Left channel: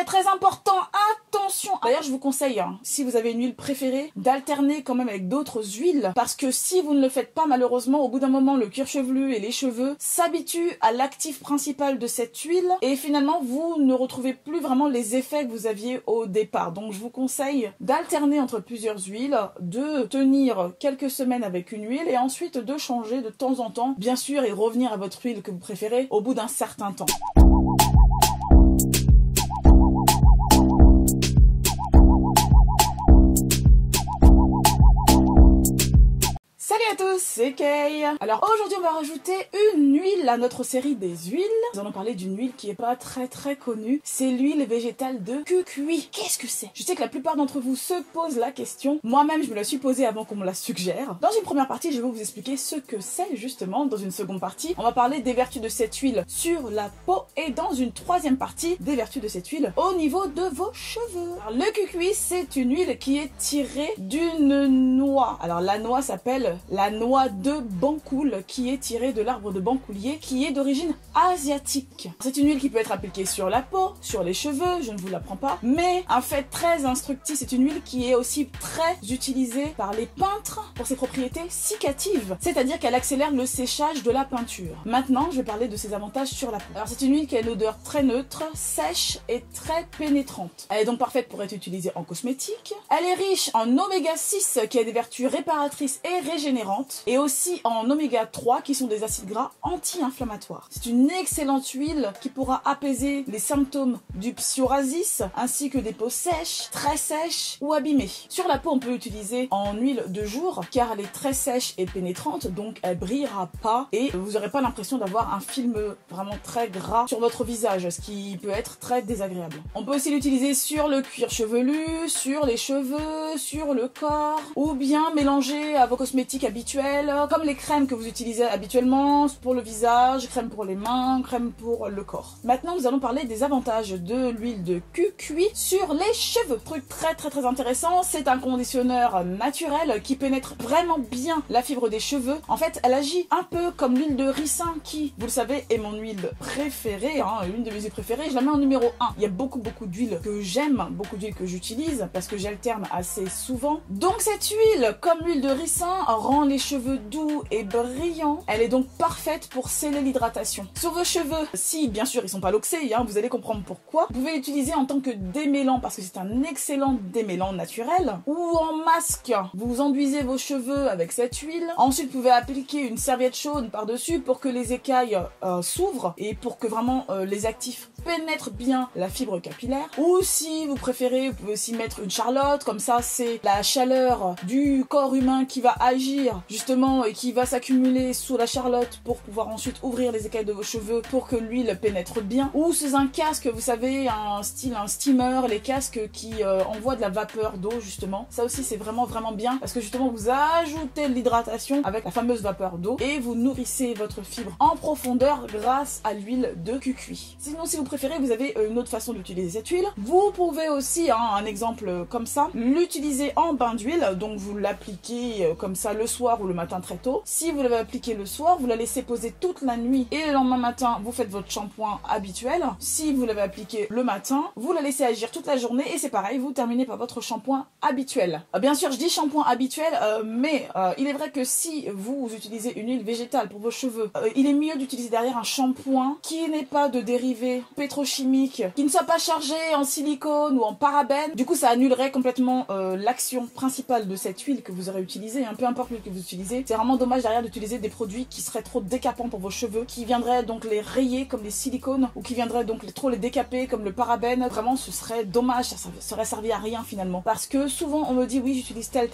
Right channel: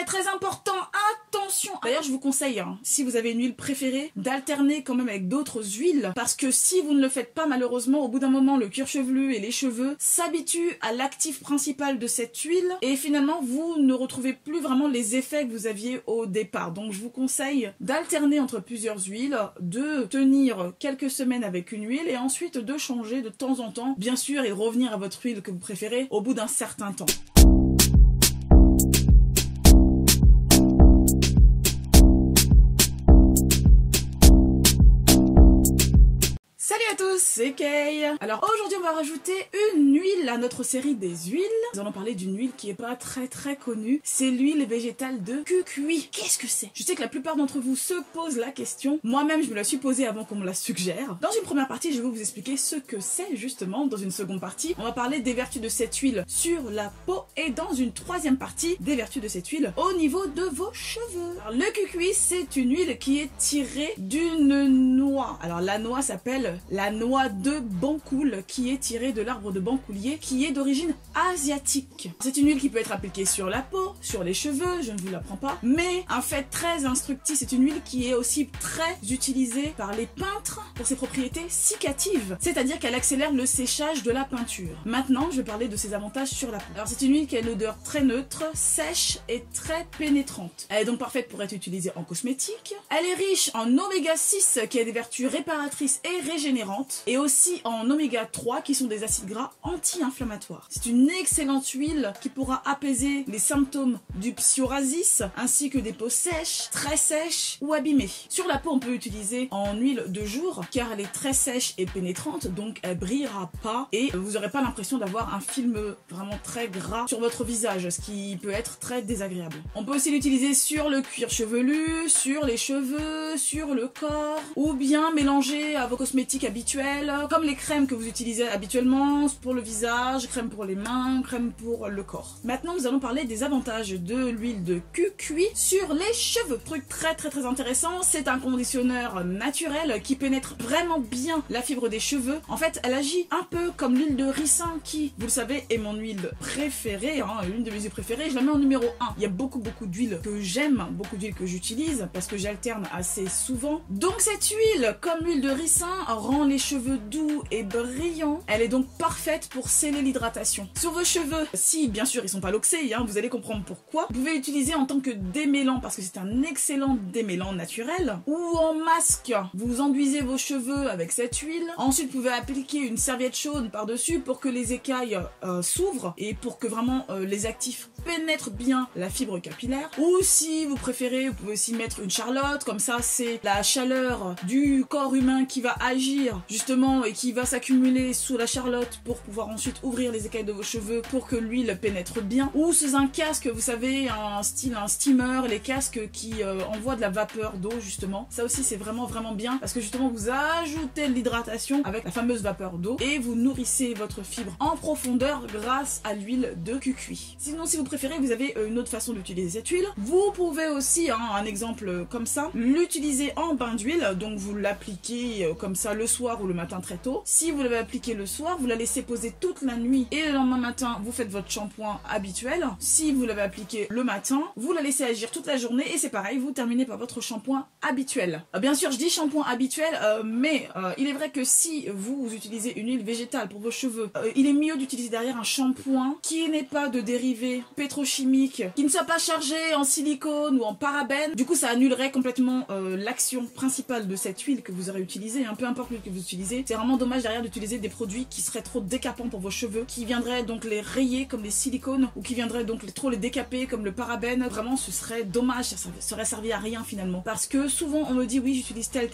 fait très important, attention. D'ailleurs, je vous conseille, hein, si vous avez une huile préférée, d'alterner quand même avec d'autres huiles, parce que si vous ne le faites pas, malheureusement, au bout d'un moment, le cuir chevelu et les cheveux s'habituent à l'actif principal de cette huile, et finalement, vous ne retrouvez plus vraiment les effets que vous aviez au départ. Donc, je vous conseille d'alterner entre plusieurs huiles, de tenir quelques semaines avec une huile, et ensuite de changer de temps en temps, bien sûr, et revenir à votre huile que vous préférez au bout d'un certain temps. Salut à tous, c'est Kay. Alors aujourd'hui on va rajouter une huile à notre série des huiles. Nous allons parler d'une huile qui est pas très connue. C'est l'huile végétale de cucuy. Qu'est-ce que c'est? Je sais que la plupart d'entre vous se posent la question. Moi-même je me la suis posée avant qu'on me la suggère. Dans une première partie je vais vous expliquer ce que c'est justement. Dans une seconde partie on va parler des vertus de cette huile sur la peau. Et dans une troisième partie des vertus de cette huile au niveau de vos cheveux. Alors, le cucuy c'est une huile qui est tirée d'une noix. Alors la noix s'appelle la noix de Bancoul, qui est tirée de l'arbre de Bancoulier, qui est d'origine asiatique. C'est une huile qui peut être appliquée sur la peau, sur les cheveux, je ne vous l'apprends pas, mais un fait très instructif, c'est une huile qui est aussi très utilisée par les peintres pour ses propriétés cicatrices, c'est-à-dire qu'elle accélère le séchage de la peinture. Maintenant, je vais parler de ses avantages sur la peau. Alors c'est une huile qui a une odeur très neutre, sèche et très pénétrante. Elle est donc parfaite pour être utilisée en cosmétique. Elle est riche en oméga 6 qui a des vertus réparatrices et régénérantes, et aussi en oméga 3 qui sont des acides gras anti-inflammatoires. C'est une excellente huile qui pourra apaiser les symptômes du psoriasis ainsi que des peaux sèches, très sèches ou abîmées. Sur la peau on peut l'utiliser en huile de jour car elle est très sèche et pénétrante, donc elle brillera pas et vous n'aurez pas l'impression d'avoir un film vraiment très gras sur votre visage, ce qui peut être très désagréable. On peut aussi l'utiliser sur le cuir chevelu, sur les cheveux, sur le corps, ou bien mélanger à vos cosmétiques habituels, comme les crèmes que vous utilisez habituellement pour le visage, crème pour les mains, crème pour le corps. Maintenant, nous allons parler des avantages de l'huile de cucuy sur les cheveux. Truc très intéressant, c'est un conditionneur naturel qui pénètre vraiment bien la fibre des cheveux. En fait, elle agit un peu comme l'huile de ricin qui, vous le savez, est mon huile préférée, hein, l'une de mes huiles préférées. Je la mets en numéro 1. Il y a beaucoup d'huiles que j'aime, beaucoup d'huiles que j'utilise parce que j'alterne assez souvent. Donc cette huile, comme l'huile de ricin, rend les cheveux doux et brillants. Elle est donc parfaite pour sceller l'hydratation. Sur vos cheveux, si bien sûr ils sont pas loxés, hein, vous allez comprendre pourquoi. Vous pouvez l'utiliser en tant que démêlant parce que c'est un excellent démêlant naturel. Ou en masque, vous enduisez vos cheveux avec cette huile. Ensuite, vous pouvez appliquer une serviette chaude par-dessus pour que les écailles s'ouvrent et pour que vraiment les actifs pénètrent bien la fibre capillaire. Ou si vous préférez, vous pouvez aussi mettre une charlotte. Comme ça, c'est la chaleur du corps humain qui va agir justement et qui va s'accumuler sous la charlotte pour pouvoir ensuite ouvrir les écailles de vos cheveux pour que l'huile pénètre bien. Ou sous un casque, vous savez, un steamer, les casques qui envoient de la vapeur d'eau justement. Ça aussi c'est vraiment bien parce que justement vous ajoutez de l'hydratation avec la fameuse vapeur d'eau et vous nourrissez votre fibre en profondeur grâce à l'huile de cucuy. Sinon, si vous préférez, vous avez une autre façon d'utiliser cette huile. Vous pouvez aussi, hein, un exemple comme ça, l'utiliser en bain d'huile. Donc vous l'appliquez comme ça le soir ou le matin très tôt. Si vous l'avez appliqué le soir, vous la laissez poser toute la nuit et le lendemain matin, vous faites votre shampoing habituel. Si vous l'avez appliqué le matin, vous la laissez agir toute la journée et c'est pareil, vous terminez par votre shampoing habituel. Bien sûr, je dis shampoing habituel, mais il est vrai que si vous utilisez une huile végétale pour vos cheveux, il est mieux d'utiliser derrière un shampoing qui n'est pas de dérivés pétrochimiques, qui ne soit pas chargé en silicone ou en parabènes. Du coup, ça annulerait complètement l'action principale de cette huile que vous aurez utilisée, hein, peu importe l'huile que vous utilisez. C'est vraiment dommage derrière d'utiliser des produits qui seraient trop décapants pour vos cheveux, qui viendraient donc les rayer comme les silicones ou qui viendraient donc trop les décaper comme le parabène. Vraiment, ce serait dommage, ça serait servi à rien finalement. Parce que souvent on me dit oui, j'utilise telle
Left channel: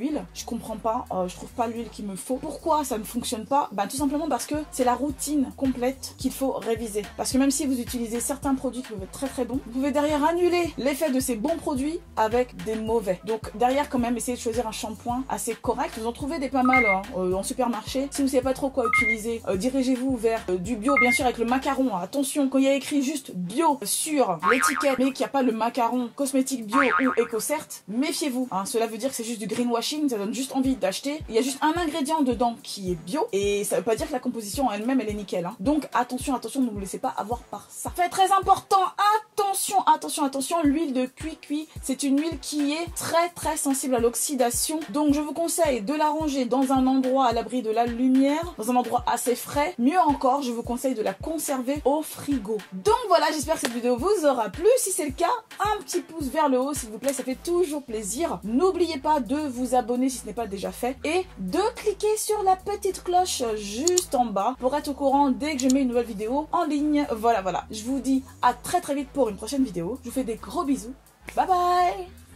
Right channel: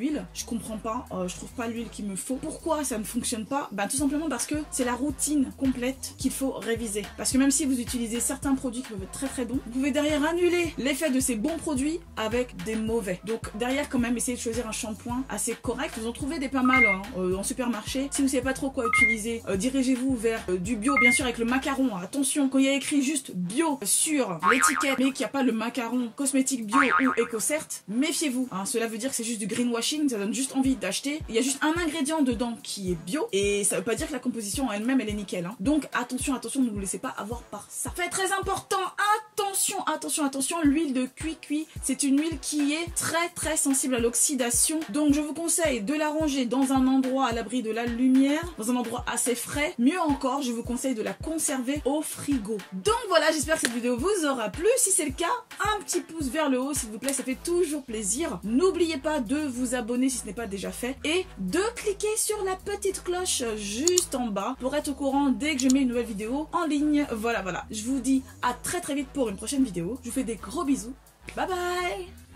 huile, je comprends pas, je trouve pas l'huile qu'il me faut. Pourquoi ça ne fonctionne pas? Tout simplement parce que c'est la routine complète qu'il faut réviser. Parce que même si vous utilisez certains produits qui peuvent être très bons, vous pouvez derrière annuler l'effet de ces bons produits avec des mauvais. Donc derrière quand même, essayez de choisir un shampoing assez correct. Vous en trouvez des pas mal hein, en supermarché. Si vous savez pas trop quoi utiliser, dirigez-vous vers du bio, bien sûr avec le macaron. Attention, quand il y a écrit juste bio sur l'étiquette, mais qu'il n'y a pas le macaron cosmétique bio ou EcoCert, méfiez-vous. Hein, cela veut dire que c'est juste du greenwashing, ça donne juste envie d'acheter. Il y a juste un ingrédient dedans qui est bio et ça veut pas dire que la composition en elle-même elle est nickel. Hein. Donc attention, attention, ne vous laissez pas avoir par ça. Fait très important, attention, attention, attention, l'huile de cuit, c'est une huile qui est très sensible à l'oxydation. Donc je vous conseille de la ranger dans un endroit à l'abri de la lumière, dans un endroit assez frais. Mieux encore, je vous conseille de la conserver au frigo. Donc voilà, j'espère que cette vidéo vous aura plu. Si c'est le cas, un petit pouce vers le haut s'il vous plaît, ça fait toujours plaisir. N'oubliez pas de vous abonner si ce n'est pas déjà fait et de cliquer sur la petite cloche juste en bas pour être au courant dès que je mets une nouvelle vidéo en ligne. Voilà, je vous dis à très vite pour une prochaine vidéo. Je vous fais des gros bisous. Bye bye.